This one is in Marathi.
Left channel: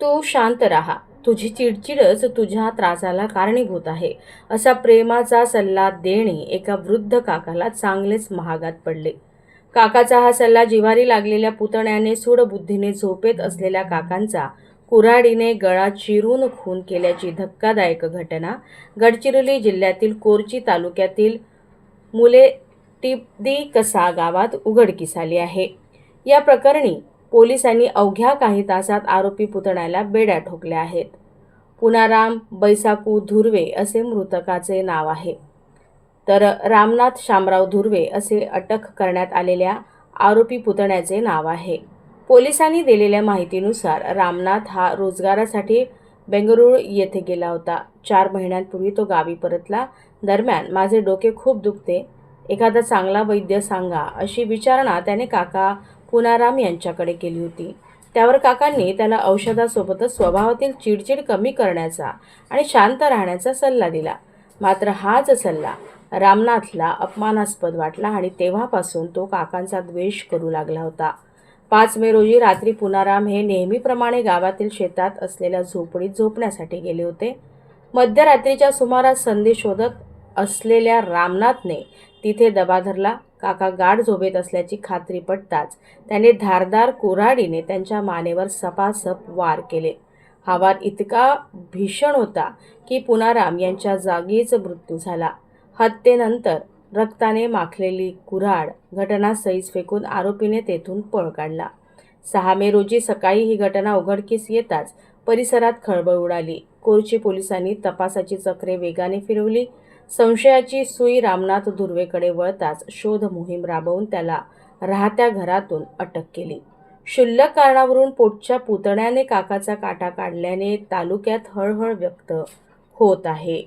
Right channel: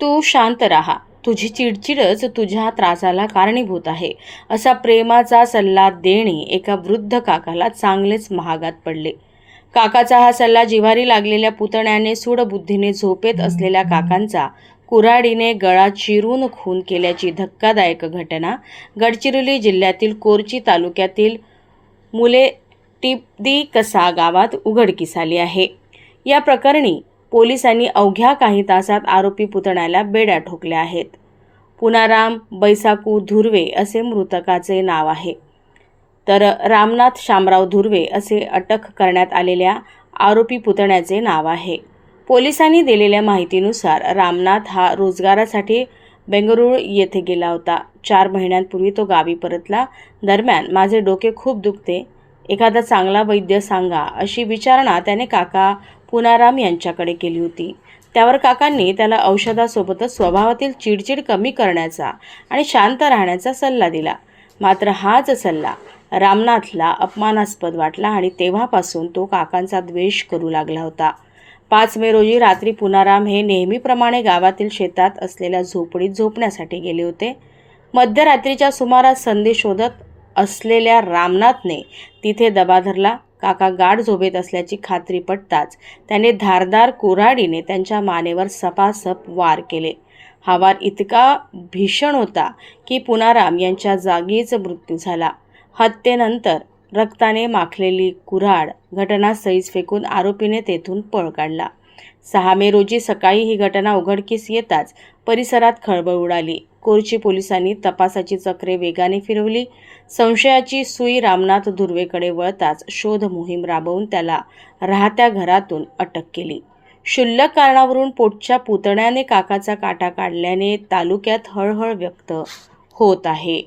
तू शांत राहा. तुझी चिडचिडच तुझ्या त्रासाला कारणीभूत आहे, असा प्रेमाचा सल्ला देणे एका वृद्ध काकाला चांगलेच महागात पडले. काकाचा हा सल्ला जिव्हारी लागलेल्या पुतण्याने सूडबुद्धीने झोपेत असलेल्या काकांचा कुऱ्हाडीने गळा चिरून खून केल्याची धक्कादायक घटना गडचिरोली जिल्ह्यातील कोरची तालुक्यातील मुले टिपदी कसा गावात उघडकीस आली आहे. या प्रकरणी पोलिसांनी अवघ्या काही तासात आरोपी पुतण्याला बेड्या ठोकल्या आहेत. पुनाराम बैसाकू धुर्वे असे मृतकाचे नाव आहे, तर रामनाथ शामराव धुर्वे असे अटक करण्यात आलेल्या आरोपी पुतण्याचे नाव आहे. पोलिसांनी दिलेल्या माहितीनुसार रामनाथ हा रोजगारासाठी बेंगळुरू येथे गेला होता. 4 महिन्यांपूर्वी तो गावी परतला. दरम्यान माझे डोके खूप दुखते, एखादा चांगला वैद्य सांगा, अशी विचारणा त्याने काका पुनाराम यांच्याकडे केली होती. त्यावर काकांनी त्याला औषधासोबतच स्वभावातील चिडचिड कमी करण्याचा आणि शांत राहण्याचा सल्ला दिला. मात्र हाच सल्ला रामनाथला अपमानास्पद वाटला आणि तेव्हापासून तो काकांचा द्वेष करू लागला होता. 5 मे रोजी रात्री पुनाराम हे नेहमीप्रमाणे गावातील शेतात असलेल्या झोपडीत झोपण्यासाठी गेले होते. मध्यरात्रीच्या सुमारास संधी शोधत असलेल्या रामनाथने तिथे दबा धरला. काका गाढ झोपेत असल्याची खात्री पटताच त्याने धारदार कुऱ्हाडीने त्यांच्या मानेवर सपासप वार केले. हा वार इतका भीषण होता की पुनाराम यांच्या जागीच मृत्यू झाला. हत्येनंतर रक्ताने माखलेली कुऱ्हाड घटनास्थळीच फेकून आरोपीने तेथून पळ काढला. 6 मे रोजी सकाळी ही घटना उघडकीस येताच परिसरात खळबळ उडाली. कोरची पोलिसांनी तपासाची चक्रे वेगाने फिरवली. संशयाची सुई रामनाथ धुर्वेकडे वळताच शोध मोहीम राबवून त्याला राहत्या घरातून अटक केली. क्षुल्लक कारणावरून पोटच्या पुतण्याने काकाचा काटा काढल्याने तालुक्यात हळहळ व्यक्त होत आहे.